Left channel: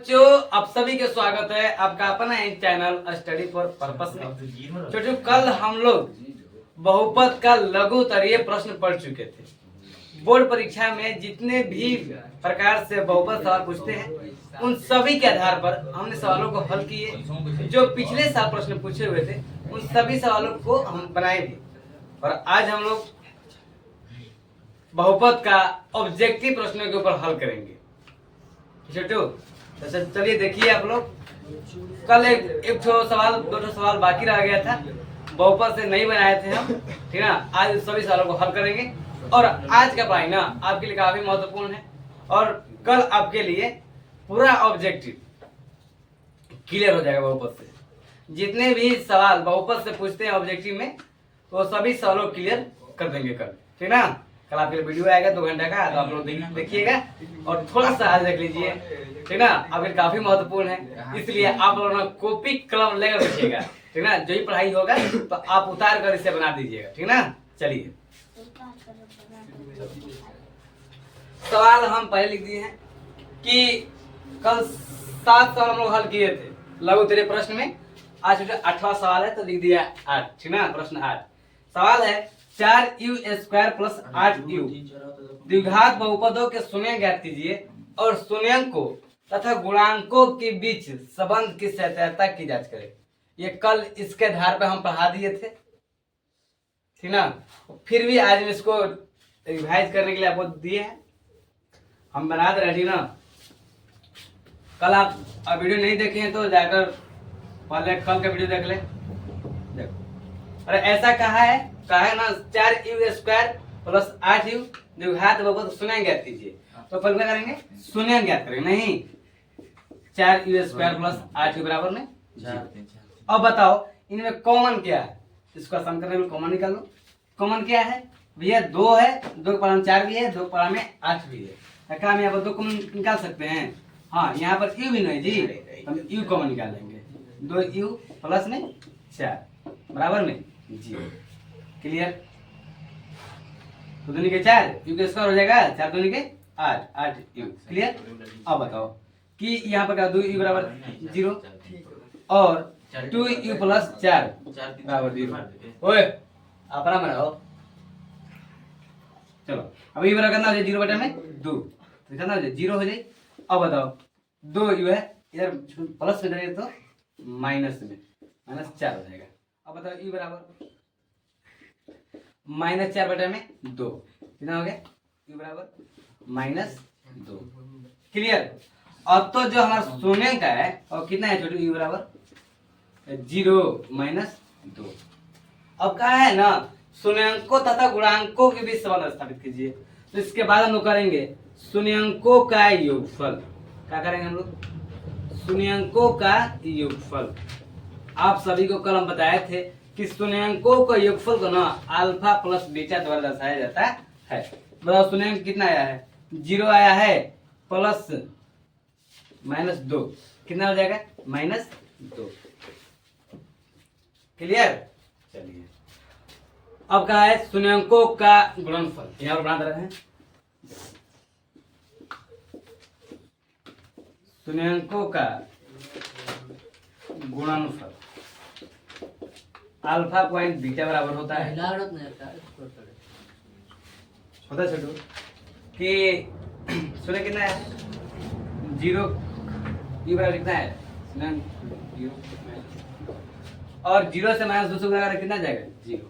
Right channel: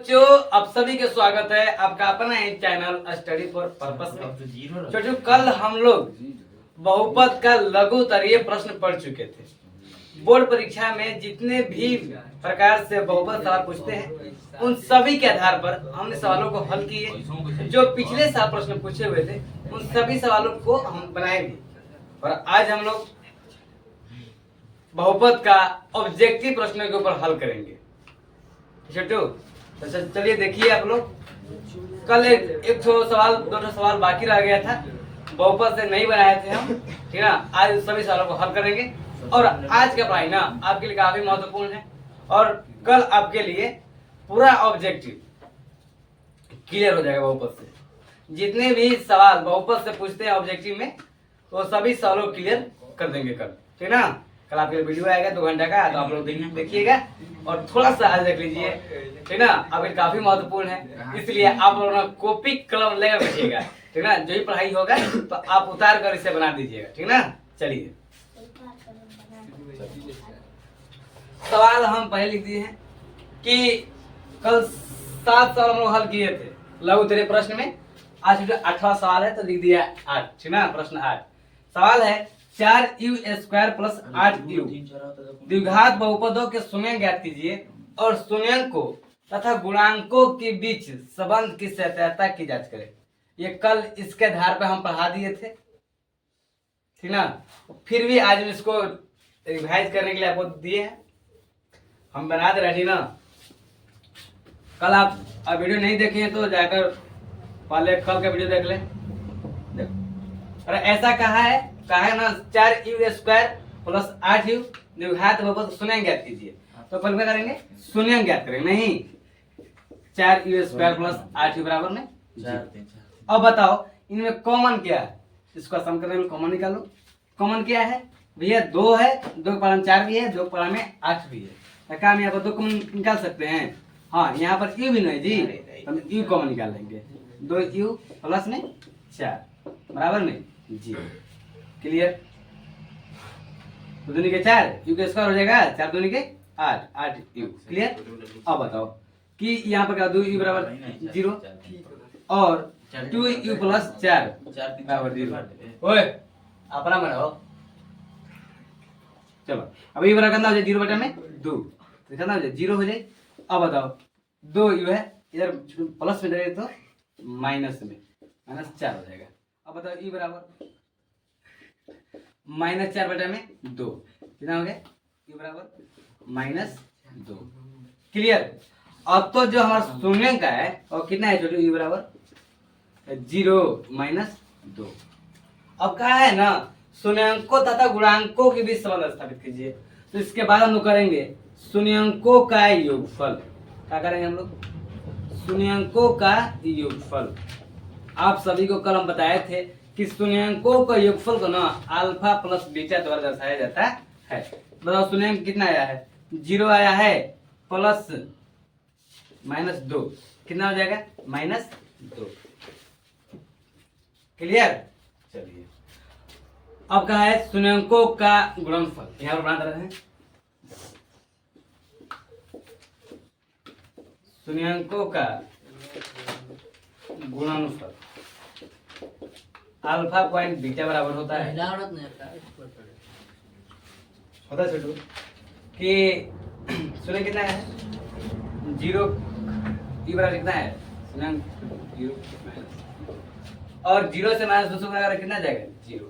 बच्चों आप सभी के स्वागत है आपका अपना एक चैनल स्टडी फॉर पर्पस में। छोटू कल हम लोग बहुपद का लघु उत्तरीय प्रश्न पढ़ चुके थे। बोर्ड परीक्षा में जितने भी प्रकार से बहुपद सवाल पूछते हैं उन सभी के आधार पर हमने सवालों को हल किए। जो पिछले साल प्रश्न पूछे हुए थे उन सभी सवालों को हम बनाए भी और आज हम लोग बहुपद का ऑब्जेक्टिव प्रश्नों के ऊपर हल करेंगे। छोटू तो चलिए देखिए आप लोग कल एक सवाल दो सवाल बाकी रह गया था, बहुपद से नहीं बनाए थे हम, ठीक ना। आज सभी सवालों को हल करेंगे और आज का पढ़ाई ना आपके लिए काफी महत्वपूर्ण है और कल आपके लिए पूरा ऑब्जेक्टिव क्लियर हो जाएगा। बहुपद से जितने भी सवाल बहुपद से पूछते हैं ऑब्जेक्टिव में वो सभी सवालों क्लियर कर देंगे कल, ठीक ना। कल आपके लिए वीडियो आएगा 2 घंटे का, तो आप लोग देखिएगा और थोड़ा सा आज देख लीजिए, ठीक ना। आपके काफी महत्वपूर्ण है, इसलिए आप लोग ना कॉपी कलम लेकर रखिएगा, ठीक ना। जो ही पढ़ाई होगा तो आप उतार कर इसे बना दीजिएगा, ठीक ना। चलिए सवाल हम पहले लिख दिए हैं कि कल 7 सवाल हम लोग हल किए थे लघु उत्तरीय प्रश्न में। आज 8वां सवाल है तो लिख दिया 8, ठीक ना। प्रश्न 8 सवाल है 4u² + 8u द्विघात बहुपदों के शून्य ज्ञात कीजिए और शून्यंकों तथा गुणांकों के बीच संबंध की सत्यता की जांच करें। ये कल इसके आधार पर हम पढ़ा दिए थे, ठीक ना। फिर भी आज हम इसको रिवाइज करने के लिए आपको दिए हैं, हम बना दे रहे, ठीक ना। कल आप वीडियो नहीं देखे हैं तो जाकर पहले कल का वीडियो देख ले। देखो अरे ऐसा कहा है ना 4u² + 8u द्विघात बहुपद शून्य ज्ञात कीजिए। तो पहले क्या करेंगे, शून्य ज्ञात करेंगे, नहीं 4u² + 8u बराबर में। अब बताओ इनमें कॉमन क्या है, इसको आसान करने में कॉमन निकालो। कॉमन क्या है भैया, 2 है, 2 के पारा में 4 भी है, 2 के पारा में 8 भी है। क्या हम यहाँ पर 2 कॉमन निकाल सकते हैं? हाँ, यहाँ पर u भी नहीं जी, हम u कॉमन निकाल लेंगे। 2u + में 4 बराबर में जी। क्लियर? तो 2 के 4 u के स्क्वायर हो जाएगा, 4 2 के 8 u। क्लियर? अब बताओ कि यहाँ पर क्या 2u बराबर 0 और 2u + 4 बराबर 0। ओए अपना बनाओ। चलो अब ये बराबर कितना हो जाए 0/2, कितना हो जाए 0 हो जाए। अब बताओ 2u है, इधर प्लस में जाएगा तो माइनस में, -4 हो जाएगा। अब बताओ u बराबर -4/2 कितना हो गया, u बराबर -2। क्लियर? अब तो जो हमारा शून्य का है और कितना है छोटे, u बराबर 0 - 2। अब क्या है ना, शून्यंकों तथा गुणांकों के बीच संबंध स्थापित कीजिए। तो इसके बाद हम लोग करेंगे शून्यंकों का योगफल। क्या करेंगे हम लोग, शून्यंकों का योगफल। आप सभी को कल हम बताए थे कि शून्यंकों का योगफल को ना अल्फा प्लस बीटा द्वारा दर्शाया जाता है। बताओ शून्यंक कितना आया है, 0 आया है, प्लस -2 कितना हो जाएगा, -2। क्लियर? चलिए अब कहा है शून्यंकों का गुणनफल, यहाँ पर बना रहे हैं शून्यंकों का गुणनफल। अल्फा पॉइंट बीटा बराबर होता है छोटू कि शून्य कितना है 0, u बराबर कितना है 0 और 0 से -2 से गुणा कितना जाएगा 0।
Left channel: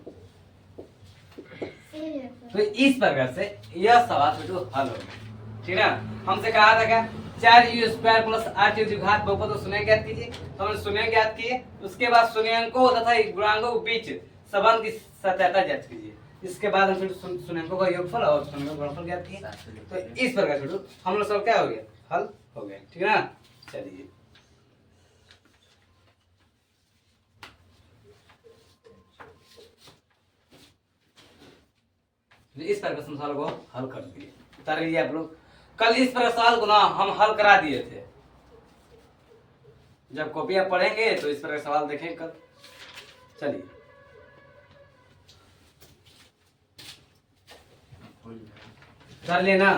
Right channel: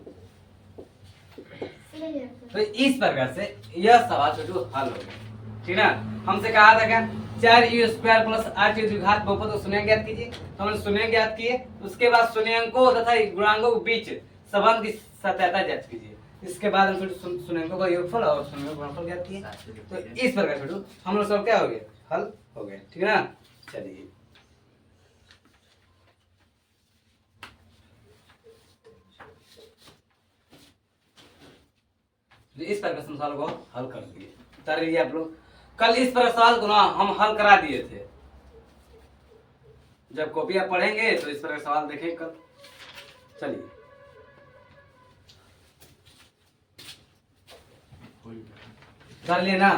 तो इस प्रकार से यह सवाल छोटू हल हो गया, ठीक ना। हमसे कहा था क्या 4u² + 8u द्विघात बहुपद को शून्य ज्ञात कीजिए। तो हमने शून्य ज्ञात किए, उसके बाद शून्यंकों तथा गुणांकों के बीच संबंध की सत्यता जांच कीजिए। इसके बाद हम शून्यंकों का योगफल और शून्यंकों का गुणनफल ज्ञात किए। तो इस प्रकार छोटू हम लोग सब क्या हो गया, हल हो गया, ठीक ना। चलिए इस प्रकार सवाल को हल कर दिए, उतार लीजिए आप लोग। कल इस प्रकार सवाल को ना हम हल करा दिए थे। जब कॉपी आप पढ़ेंगे तो इस प्रकार सवाल देखें कल। चलिए कर लेना,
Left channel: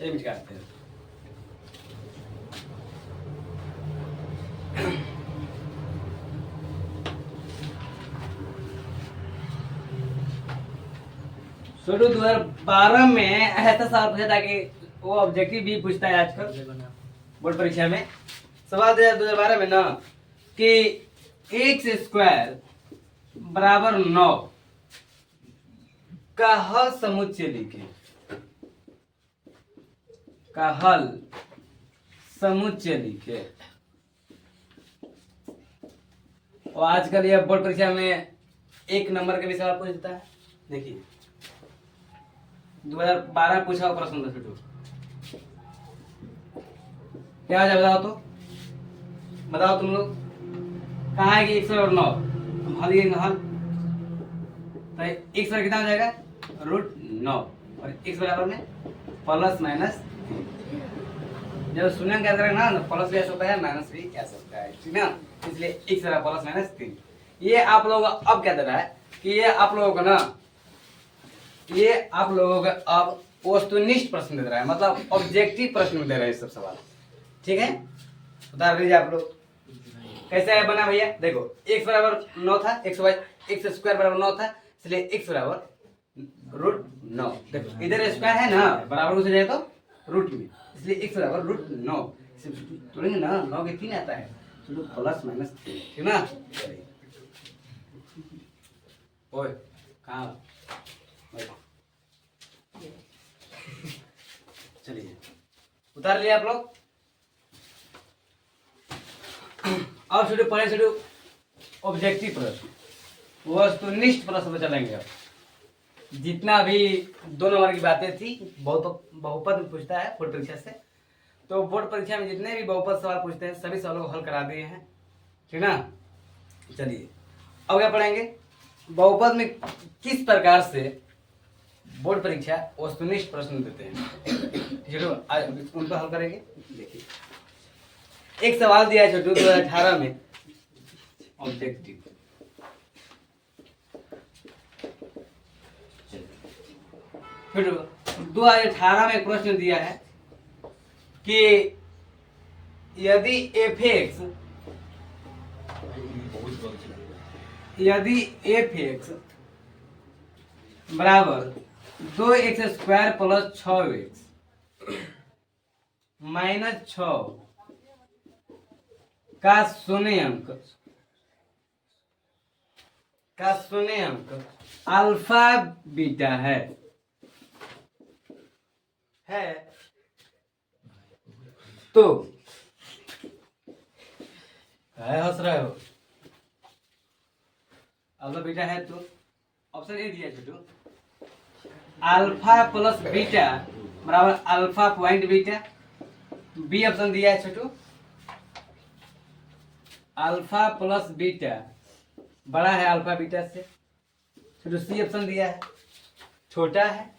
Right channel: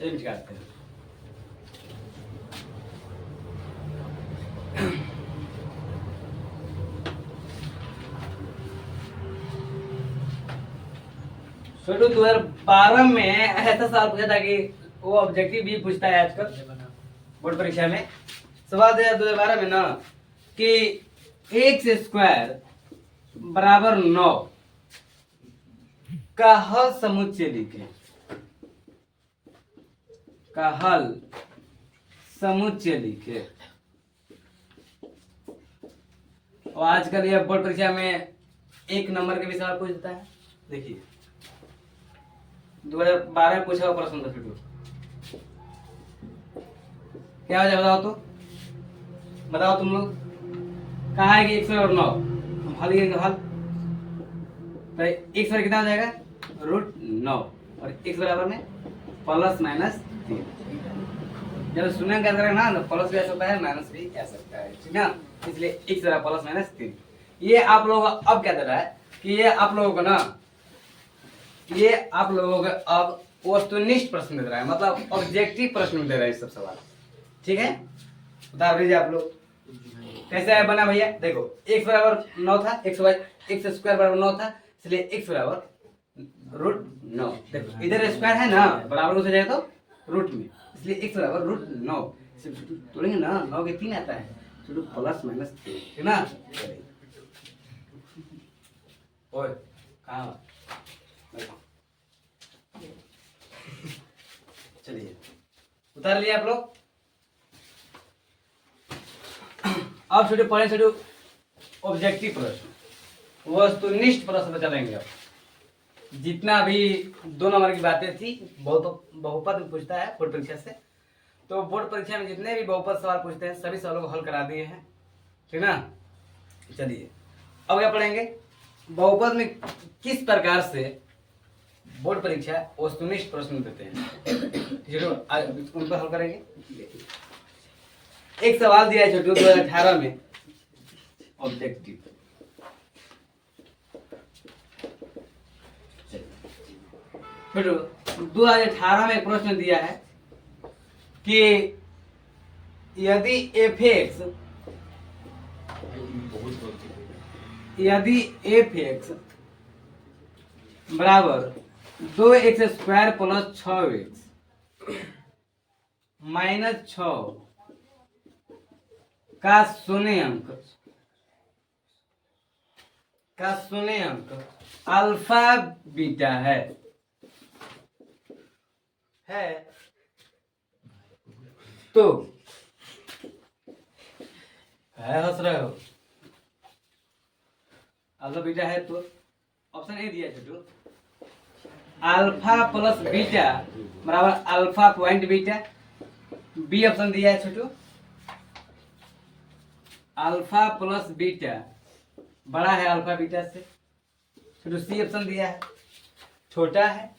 करते हैं। छोटू 2012 में ऐसा सवाल पूछा था कि वो ऑब्जेक्टिव भी पूछता है आजकल बोर्ड परीक्षा में। सवाल दिया 2012 में ना कि एक्स स्क्वायर बराबर 9 का हल समुच्चय लिखे। का हल समुच्चय लिखे। और आजकल यह बोर्ड परीक्षा में 1 नंबर के भी सवाल पूछता है। देखिए 2012 पूछा हुआ प्रश्न था छोटू, क्या आ जाए बताओ तो, बताओ तुम लोग। कहाँ है कि 109, हम हल लेंगे हल, तो x बराबर कितना हो जाएगा √9 और x बराबर में प्लस माइनस 3। जब शून्य का करेंगे ना प्लस भी ऐसा होता है माइनस भी ऐसा होता है, ठीक ना। इसलिए x बराबर प्लस माइनस 3। ये आप लोगों को अब क्या दे रहा है कि ये आप लोगों को ना, ये आप लोगों को अब वस्तुनिष्ठ प्रश्न दे रहा है, मतलब ऑब्जेक्टिव प्रश्न दे रहा है सब सवाल, ठीक है। उतार लीजिए आप लोग। कैसे है बना भैया, देखो x बराबर 9 था, x स्क्वायर बराबर 9 था, इसलिए x बराबर √9। देखो इधर स्क्वायर है ना, बराबर हो जाए तो रूट में, इसलिए x बराबर √9। तोड़ेंगे ना 9 के 3 आता है, चलो प्लस माइनस 3, ठीक ना। ओए कहाँ, चलिए उतार लिया आप लोग। अब छोटे पढ़े छोटे ऑब्जेक्टिव प्रश्न, वस्तुनिष्ठ प्रश्न पे चलेंगे। अब जितना भी 2 नंबर की बातें थी, बहुत बहुपद में पूछता है बोर्ड परीक्षा से, तो बोर्ड परीक्षा में जितने भी बहुपद सवाल पूछते हैं सभी सवालों को हल करा दिए हैं, ठीक ना। चलिए अब क्या पढ़ेंगे, बहुपद में किस प्रकार से बोर्ड परीक्षा वस्तुनिष्ठ प्रश्न देते हैं, उन पर हल करेंगे। देखिए एक सवाल दिया है छोटू 2018 में ऑब्जेक्टिव, छोटू 2018 में एक प्रश्न दिया है कि यदि f(x) बराबर 2x square plus 6x minus 6 का शून्य अंक अल्फा बीटा है तो हंस रहे हो, अल्फा बीटा है तो ऑप्शन ए दिया छोटू, अल्फा प्लस बीटा बराबर alpha point beta. B option दिया है छोटू, अल्फा प्लस बीटा बड़ा है अल्फा बीटा से। छोटू सी ऑप्शन दिया है, छोटा है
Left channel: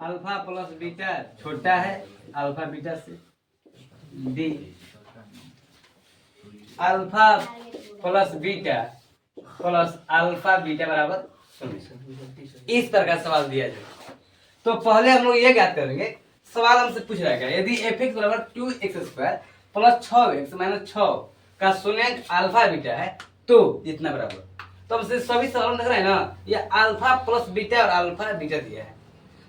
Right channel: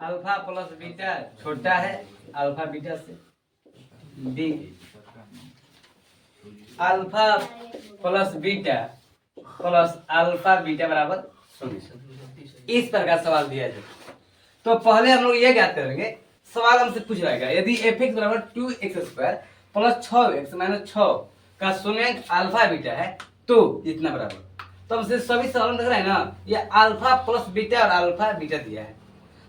अल्फा प्लस बीटा, छोटा है अल्फा बीटा से। D alpha plus beta plus alpha beta बराबर 0। इस प्रकार सवाल दिया जाए तो पहले हम लोग ये ज्ञात करेंगे, सवाल हमसे पूछ रहा है यदि f(x) बराबर 2x square plus 6x minus 6 का शून्यांक अल्फा बीटा है तो इतना बराबर। तो हमसे सभी सवाल देख रहे हैं ना, ये अल्फा प्लस बीटा और अल्फा बीटा दिया है,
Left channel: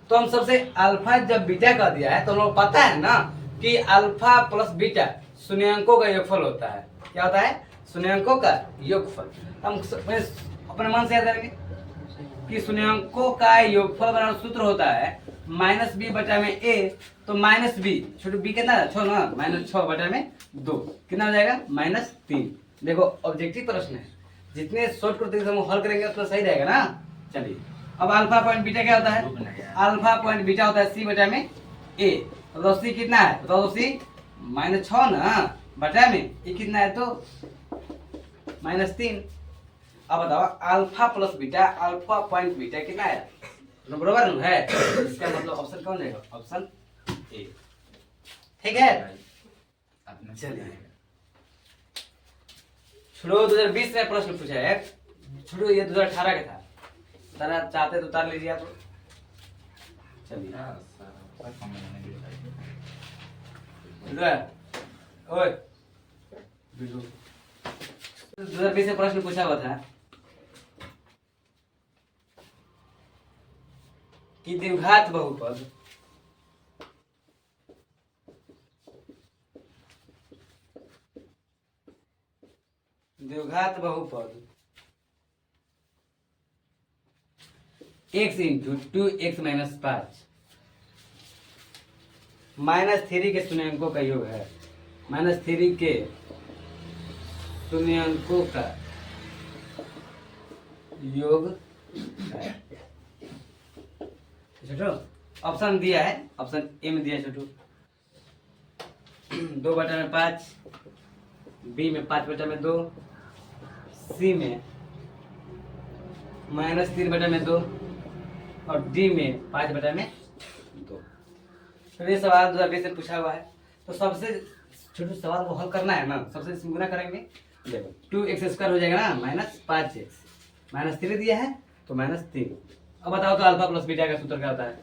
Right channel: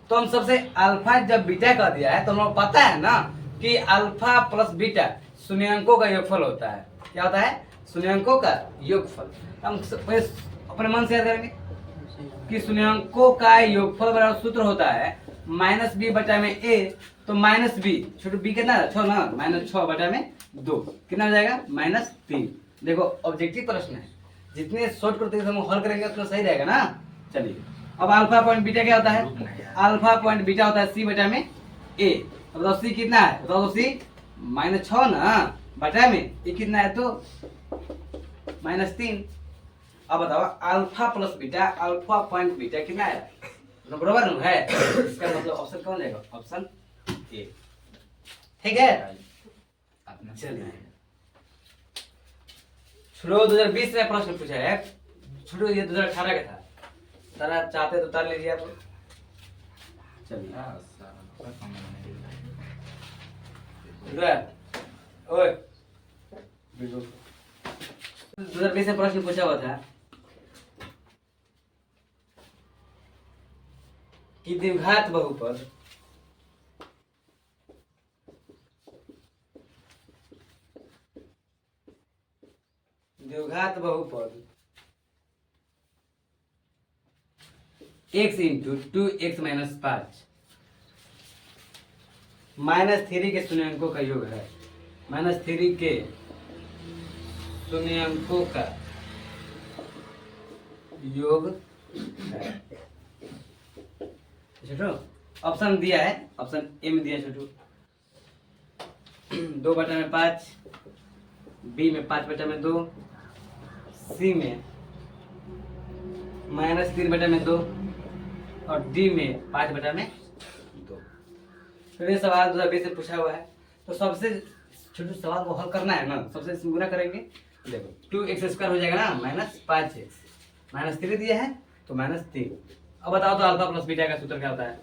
तो हम सबसे अल्फा जब बीटा का दिया है तो हम लोग पता है ना कि अल्फा प्लस बीटा शून्यांकों का योगफल होता है। क्या होता है, शून्यांकों का योगफल। हम अपने मन से याद करेंगे कि शून्यांकों का योगफल बराबर सूत्र होता है माइनस बी बटा में ए, तो माइनस बी छोटे बी कितना है 6 ना, माइनस 6 बटा में 2 कितना हो जाएगा -3। देखो ऑब्जेक्टिव प्रश्न है, जितने शॉर्ट करते हम हल करेंगे उतना सही रहेगा ना। चलिए अब अल्फा पॉइंट बीटा क्या होता है, अल्फा पॉइंट बीटा होता है सी बटा में ए। बताओ सी कितना है, बताओ सी -6 ना बटा में ए कितना है तो -3। अब बताओ alpha plus beta alpha point beta कितना है, तो बराबर है, इसका मतलब ऑप्शन कौन जाएगा, ऑप्शन ए, ठीक है। चलिए छोड़ो 2020 में प्रश्न पूछा है, छोड़ो ये 2018 का था, तारा चाहते तो उतार लीजिए आप। चलिए ओए 2020 में प्रश्न पूछा हुआ था कि द्विघात बहुपद x इंटू 2x माइनस 5 -3 के शून्यांकों का योग है। -3 के शून्यांकों का योग है। छोटू ऑप्शन दिया है, ऑप्शन ए में दिया है छोटू 2/5, बी में 5/2, सी में -3/2 और डी में 5/2। तो ये सवाल 2020 से पूछा हुआ है। तो सबसे छोटे सवाल को हल करना है ना, सबसे गुना करेंगे। देखो 2x² हो जाएगा ना, -5x, -3 दिया है तो -3। अब बताओ तो अल्फा प्लस बीटा का सूत्र क्या होता है?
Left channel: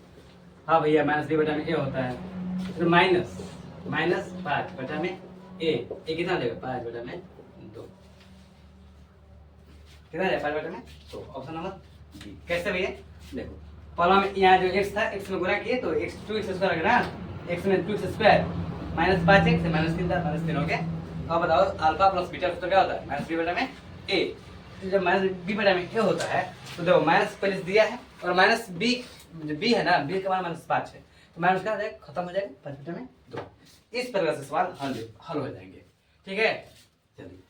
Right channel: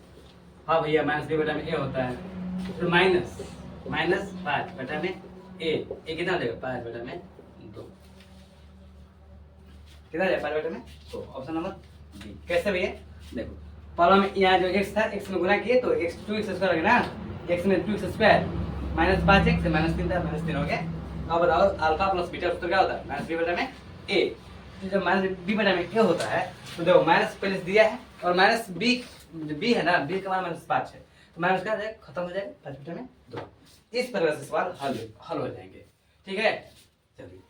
हाँ भैया, -3/a होता है। फिर -5/a, ए कितना हो जाएगा 5/2। कितना जाएगा 5/2? Option number B. कैसे भैया? देखो पहला में यहाँ जो x था, x में गुना किए तो x 2x² हो गया ना, x में 2x² -5x से -3 था, -3 हो गया। अब बताओ अल्फा प्लस बीटा सूत्र क्या होता है? -b/a। जब -b/a होता है तो देखो माइनस पहले से दिया है और -b है ना, b का मान -5 है तो माइनस क्या हो जाएगा, खत्म हो जाएगा 5/2। इस प्रकार से सवाल हल हो जाएंगे। ठीक है, चलिए।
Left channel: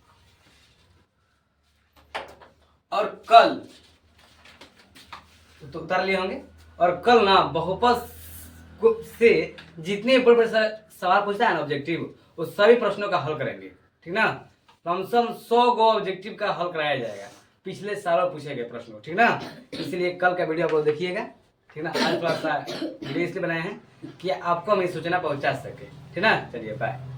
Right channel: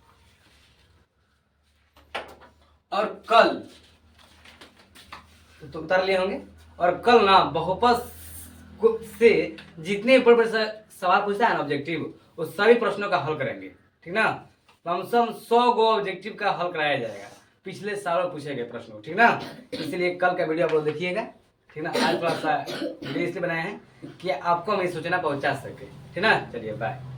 और कल तो उतार लिए होंगे, और कल ना बहुपद से जितने बड़े सवाल पूछता है ना ऑब्जेक्टिव, उस सभी प्रश्नों का हल करेंगे। ठीक ना, कम से कम 100 गो ऑब्जेक्टिव का हल कराया जाएगा, पिछले सालों पूछे गए प्रश्नों। ठीक ना, इसलिए कल का वीडियो आप लोग देखिएगा। ठीक ना, आज थोड़ा सा वीडियो इसलिए बनाए हैं कि आपको हम इस सूचना पहुंचा सके। ठीक ना, चलिए बाय।